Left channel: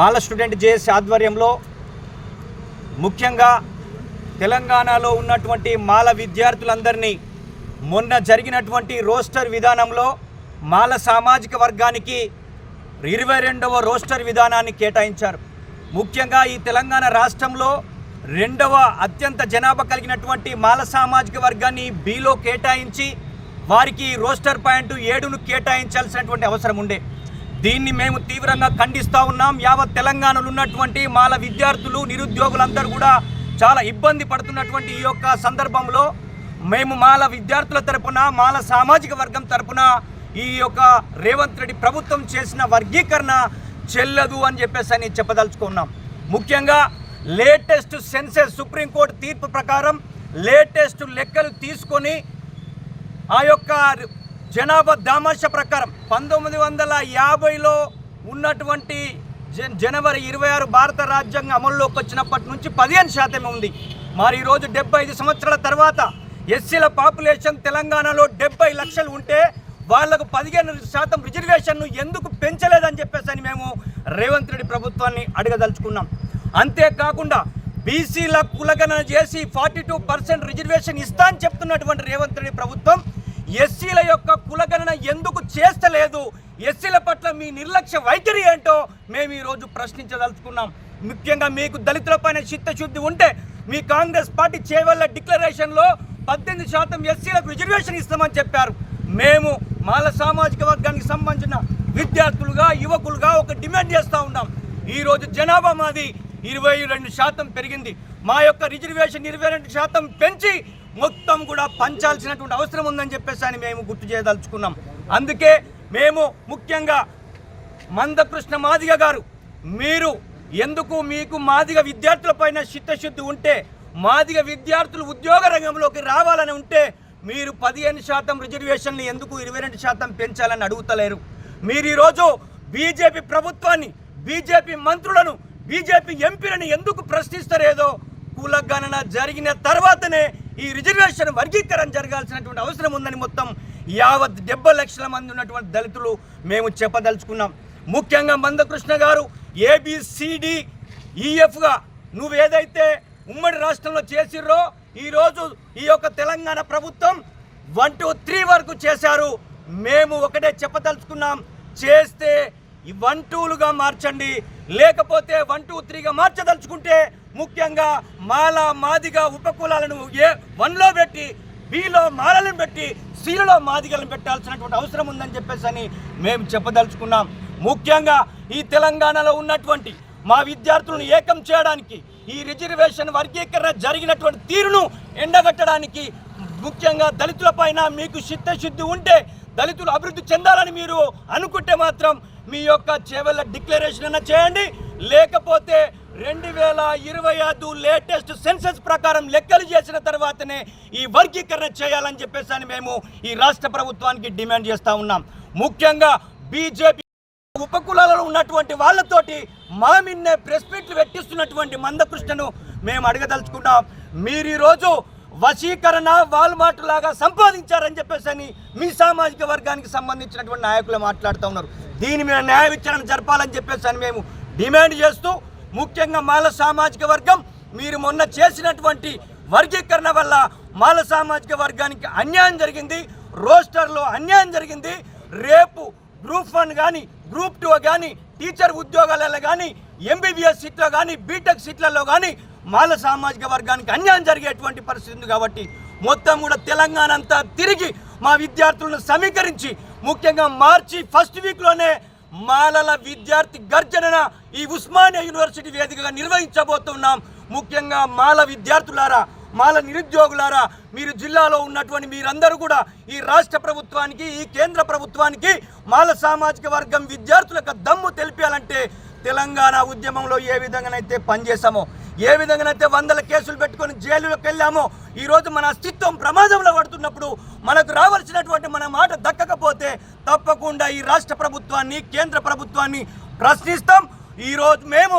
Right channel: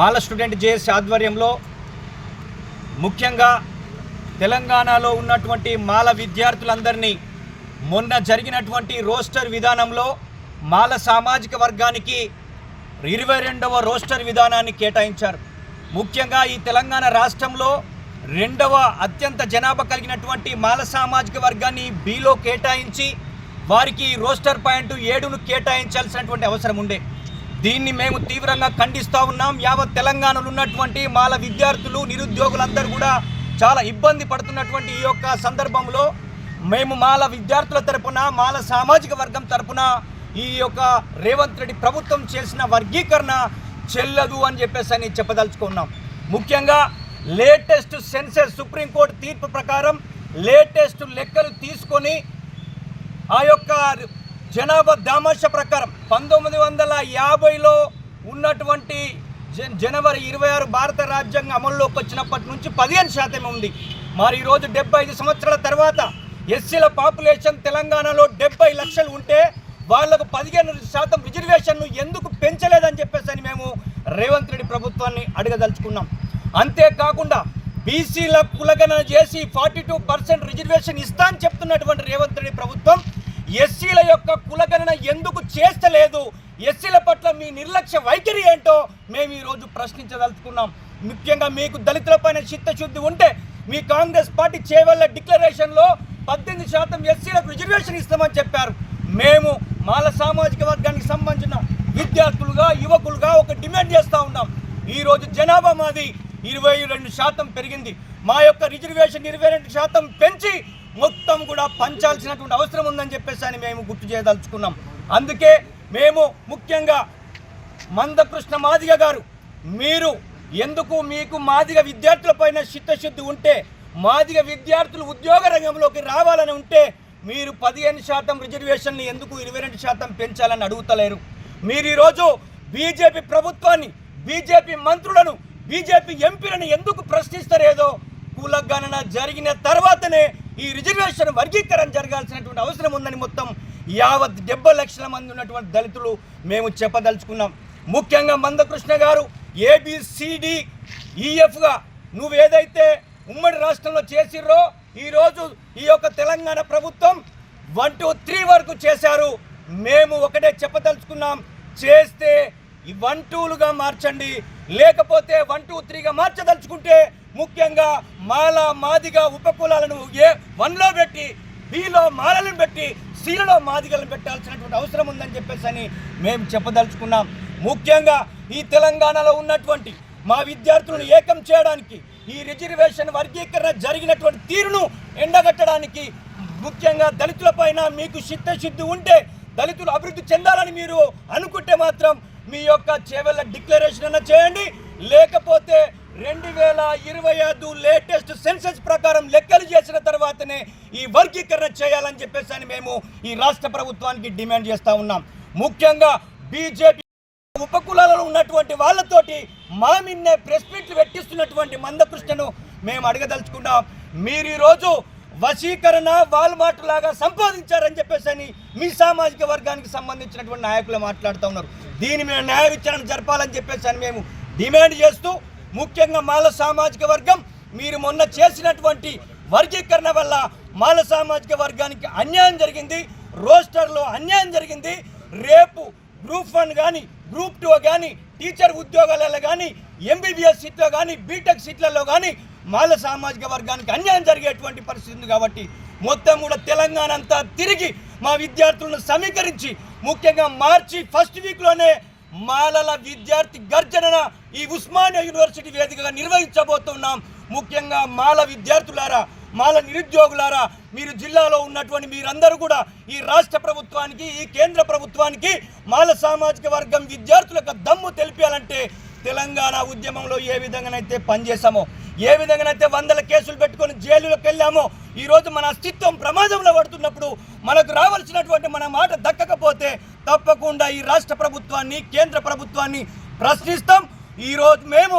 మాల student JAC ఆధ్వర్యంలో ముఖ్యంగా తెలంగాణలో ఉన్నటువంటి మాల విద్యార్థులందరినీ మొన్న జరిగినటువంటి రోస్టర్ విధానంలో మాల సామాజిక వర్గానికి 22వ రోస్టర్ విధానాన్ని కేటాయించారు. ముఖ్యంగా ఈ తెలంగాణ రాష్ట్రంలో 2వ అత్యంత జనాభా కలిగినటువంటి మాల సామాజిక వర్గాన్ని బిలో కేటాయించి వారికి రోస్టర్ పాయింట్ 7ను కేటాయించాల్సినటువంటి అవసరం ఉండే. దీన్ని మేము తీవ్రంగా ఖండిస్తూ ఉన్నాం. యావత్ తెలంగాణలో ఉన్నటువంటి మాల విద్యార్థులు నిరుద్యోగులందరూ కూడా చాలా ఇబ్బంది పడుతున్నటువంటి ఈ యొక్క సందర్భంలో మేము మాల విద్యార్థుల తరపున మాల సామాజిక వర్గం తరపున ఈ యొక్క రేవంత్ రెడ్డి ప్రభుత్వం చేసిన వర్గీకరణ చెల్లదు అని చెప్పేసి చెప్పదలుచుకున్నాం. ముఖ్యంగా లేటెస్ట్ సెన్సెస్ సుప్రీంకోర్టు తీర్పు ప్రకారం లేటెస్ట్ లెక్కలు తీసుకొని ఆ యొక్క జనాభా దామాష ప్రకారం 1950లో ఉన్నటువంటి జనవరి 26 భారత రాజ్యాంగం అమల్లోకి వచ్చినప్పటి నుంచి 15% ఉంది. మరి ఈరోజు 75 సంవత్సరాల తర్వాత ఎస్సీల పాపులేషన్ తెలంగాణలో 70 లక్షలు ఉంటే వాళ్లకు 15% రిజర్వేషన్ను ఎందుకు పెంచలేదని చెప్పేసి మేము రేవంత్ రెడ్డి ప్రభుత్వాన్ని అడగదలుచుకున్నాం. అంతేకాకుండా బీసీల కులగణన చేసి 42% రిజర్వేషన్ ఇస్తా అని చెప్తున్నటువంటి రేవంత్ రెడ్డి ప్రభుత్వం ఎస్సీల యొక్క కులగణన ఎందుకు చేస్తలేదు? ఎస్సీల పట్ల మీ నిర్లక్ష్య వైఖరి ఏంటో మేము ఈరోజు ప్రశ్నించదలుచుకున్నాం. ముఖ్యంగా మీకు దళితులపైన చిత్తశుద్ధి ఉంటే మీ కాంగ్రెస్ పార్టీ చేవల్ల డిక్లరేషన్లో 18% ఎస్సీలకు రిజర్వేషన్ ఇస్తామని చెప్పారు. మేము మాల సామాజిక వర్గానికి సంబంధించిన విద్యార్థులుగా యువకులుగా ఒక డిమాండ్ చేస్తూ ఉన్నాం. ఈరోజు జనాభా మాది 22% పెరిగింది. మా యొక్క రిజర్వేషన్ 22% పెంచి మొత్తం కూడా పంచాల్సినటువంటి అవసరం ఉందని చెప్పేసి మేము గుర్తు చేయదలుచుకున్నాం. అందుకే మేము ముఖ్యంగా మందకృష్ణ మాదిగ గారు, మీరు ఎందుకు మీకు మాదిగ విద్యార్థులపైన చిత్తశుద్ధి ఉంటే మాదిగ విద్యార్థులు ఉద్యోగ రంగంలోకి రావాలని ఉంటే మీరు 15% రిజర్వేషన్ని ఎందుకు 22% పెంచాలని అడుగుతలేరు? మీరు ఈరోజు బీజేపీ ప్రభుత్వాన్ని, బీజేపీ మంత్రులను, బీజేపీ ఎంపీలను ఎందుకు ప్రశ్నిస్తారేదో కులగణన జరిగిన తర్వాతనే ఈ రిజర్వేషన్ వర్గీకరణ జరగాల్సినటువంటి అవసరం ఉందని మొత్తం యావత్ 70 లక్షల మంది ఉన్నటువంటి దళితులు మేము చెప్పదలుచుకున్నాం. ముఖ్యంగా మందకృష్ణ గారు ABCDEFగా నువ్వు ఏదైతే ఉమ్మడి రాష్ట్రంలో చేసిర్రో ఈరోజు ఈ యొక్క తెలంగాణ ప్రభుత్వం 1 to 3 వరకు చేశారు. మేము ఒకటే చెప్పదలుచుకున్నాం, చేస్తే 1 to 2లుగా మార్చండి, లేకపోతే 1 to 3గా మార్చదలుచుకుంటే ముఖ్యంగా మాల మాదిగా ఉపకులాలను A1లో పెట్టి Bలో మాలను పెట్టి Cలో మాదిగలను పెట్టాల్సినటువంటి అవసరం ఉందని చెప్పేసి మేము చెప్పదలుచుకున్నాం. ముఖ్యంగా ఈ తెలంగాణలో ఉన్నటువంటి మా విద్యార్థులను ఏకం చేయడానికి ఈ రిజర్వేషన్ వర్గీకరణ జరిగినటువంటి తీరును ఎండగట్టడానికి ముఖ్యంగా దళితులపైన మీకు చిత్తశుద్ధి ఉంటే దళితులు అభివృద్ధి చెందాలని మీరు అనుకుంటే మాత్రం మీ యొక్క చేవల్ల డిక్లరేషన్ అన్న చేయండి, లేకపోతే 2025 లేటెస్ట్ సెన్సెస్ ప్రకారం లెక్కలు చేసిన తర్వాతనే ఈ వర్గీకరణ చేయాలని చెప్పేసి మేము ఈ రాష్ట్ర ప్రభుత్వానికి డిమాండ్ చేస్తూ ఉన్నాం. ముఖ్యంగా బీజేపీ ఉపకులాలలో ఉన్నటువంటి వాళ్ళతోటి మా మిన్నే ప్రెస్ మీట్లు పెట్టిస్తున్నటువంటి మందకృష్ణను మేము అడగదలుచుకున్నాం. మీరు ఈరోజు వశీకరణ వాల్మార్ట్ లాగా సంపాదించారని చెప్పేసి మీ సామాజిక వర్గానికి సంబంధించినటువంటి నాయకులు మాట్లాడుతూ ఉన్నారు. దీని మీద న్యాయ విచారణ జరపాలని చెప్పేసి మేము డిమాండ్ చేస్తూ ముఖ్యంగా మాల సామాజిక వర్గం మీరు మొన్న చేసినటువంటి వర్గీకరణ వల్ల మాల సామాజిక వర్గానికి అన్యాయం జరిగింది, రోస్టర్లో అన్యాయం జరిగింది. రేపు గ్రూప్ 1 కానీ గ్రూప్ 2 కానీ టీచర్ ఉద్యోగాలలో కానీ MBBS సీట్లో కానీ బీటెక్ సీట్లలో కానీ మాల సామాజిక వర్గానికి అన్యాయం జరిగేటువంటి పరిస్థితి ఉంది. కాబట్టి మొత్తం కూడా తెలంగాణ అంతా తిరిగి మా విద్యార్థులను సమీకరించి ముఖ్యంగా మార్చి 1st వీక్లోనే మాలల విద్యార్థి గర్జన ఈ ఉస్మానియా యూనివర్సిటీ వేదికగా నిర్వహించబోతున్నాం. ముఖ్యంగా మాల విద్యార్థులారా, మాల నిరుద్యోగులారా, మీరు జిల్లాలో ఉన్నటువంటి మీరందరూ కూడా ఈ రాష్ట్ర ప్రభుత్వానికి, ఈ కేంద్ర ప్రభుత్వానికి మాల సామాజిక వర్గం విద్యార్థులకు దమ్ము తెలిపాలంటే తెలంగాణ ఉద్యమంలో ఏ విధంగానైతే పనిచేసామో, ఏ విధంగానైతే 100 కేసులు పెట్టుకొని జైలులోకి వెళ్ళామో, ఈరోజు మన అస్తిత్వం ప్రమాదంలో పడుతున్నప్పుడు మనకు రావాల్సినటువంటి మన మాట దక్కకపోతే తప్పకుండా ఈ రాష్ట్ర ప్రభుత్వాన్ని, కేంద్ర ప్రభుత్వాన్ని ప్రశ్నిస్తాం. ఈరోజు మేము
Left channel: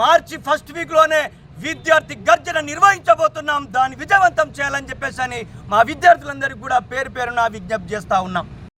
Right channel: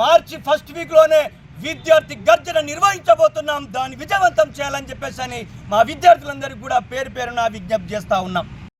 మార్చి 1st వీక్లోనే విద్యార్థి గర్జన నిర్వహించబోతున్నాం. దాన్ని విజయవంతం చేయాలని చెప్పేసి మా విద్యార్థులందరికీ కూడా పేరు పేరున విజ్ఞప్తి చేస్తూ ఉన్నాం.